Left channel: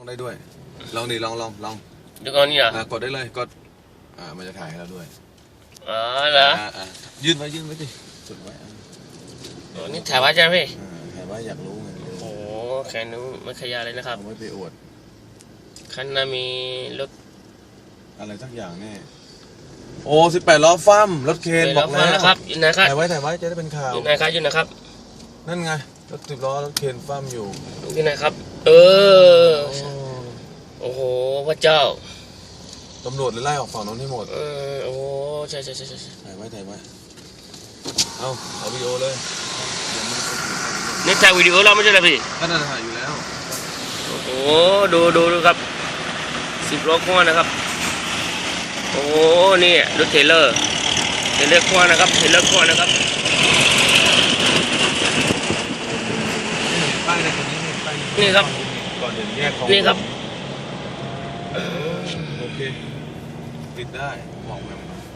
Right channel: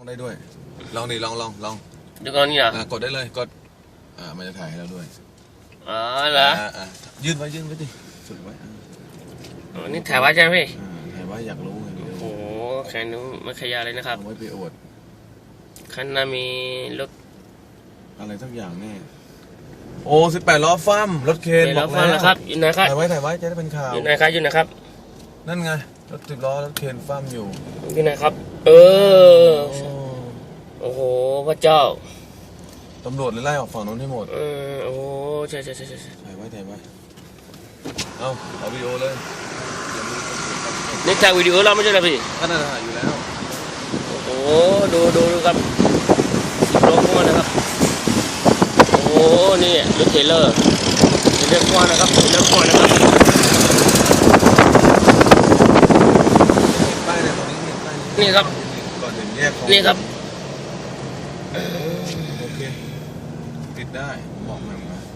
ลองได้ด้วย ลองดิลองลองลองเดี๋ยวก่อนนี่นะอะกดได้เลยกดอ่ามันจะถ่ายให้เราด้วยอ๋อเหรออ่าอ่ายื่นไว้ยื่นไว้ดิสุดไว้อ่าอ๋อนี่ถ่ายไว้ใช่ไหมพี่อ่าถ่ายไว้อยากรู้ไงวิดีโอโอ้โหแขนนู้ไม่ขยาวเลยนะครับ เอาไว้ไปอวดคันหน้ามีรถอะไรสักอย่างแน่โอ้สิบแปดล้อฟั่มรถเคนไปบแล้อวกฟังแล้นะวครับอยู่นะครับถ่ายไว้ถ่ายไว้จะได้เป็นข่าวอยู่นะครับอยู่นะครับนั่นไงรถสิบล้อรถเคนฟั่มอยู่อยู่นะครับ เออโอ้โอ้โห พระเจ้าตำรวจไล่ออกฝั่งนู้นให้หมดเออโอ้โหใช่ใช่ใช่ใช่ใช่ถ่ายไว้ถ่ายไว้เอาถ่ายวิดีโอเลยเดี๋ยวมีคนถือไปนี่ถ่ายวิดีโอเราไม่ใช่เหรอพี่ก็น่าจะถ่ายอยู่แล้วโอ้โหดูดูดูครับสิบล้อขวานะครับ โอ้โหนี่รถเทรลเลอร์เทรลเลอร์ขวานะครับเทรลเลอร์ขวานะครับป้ายในตรงนี้เนี่ยป้ายนี่ครับก่อนถึงแยกของนี่ครับเออ โอเค ติดได้บอกหน่อยน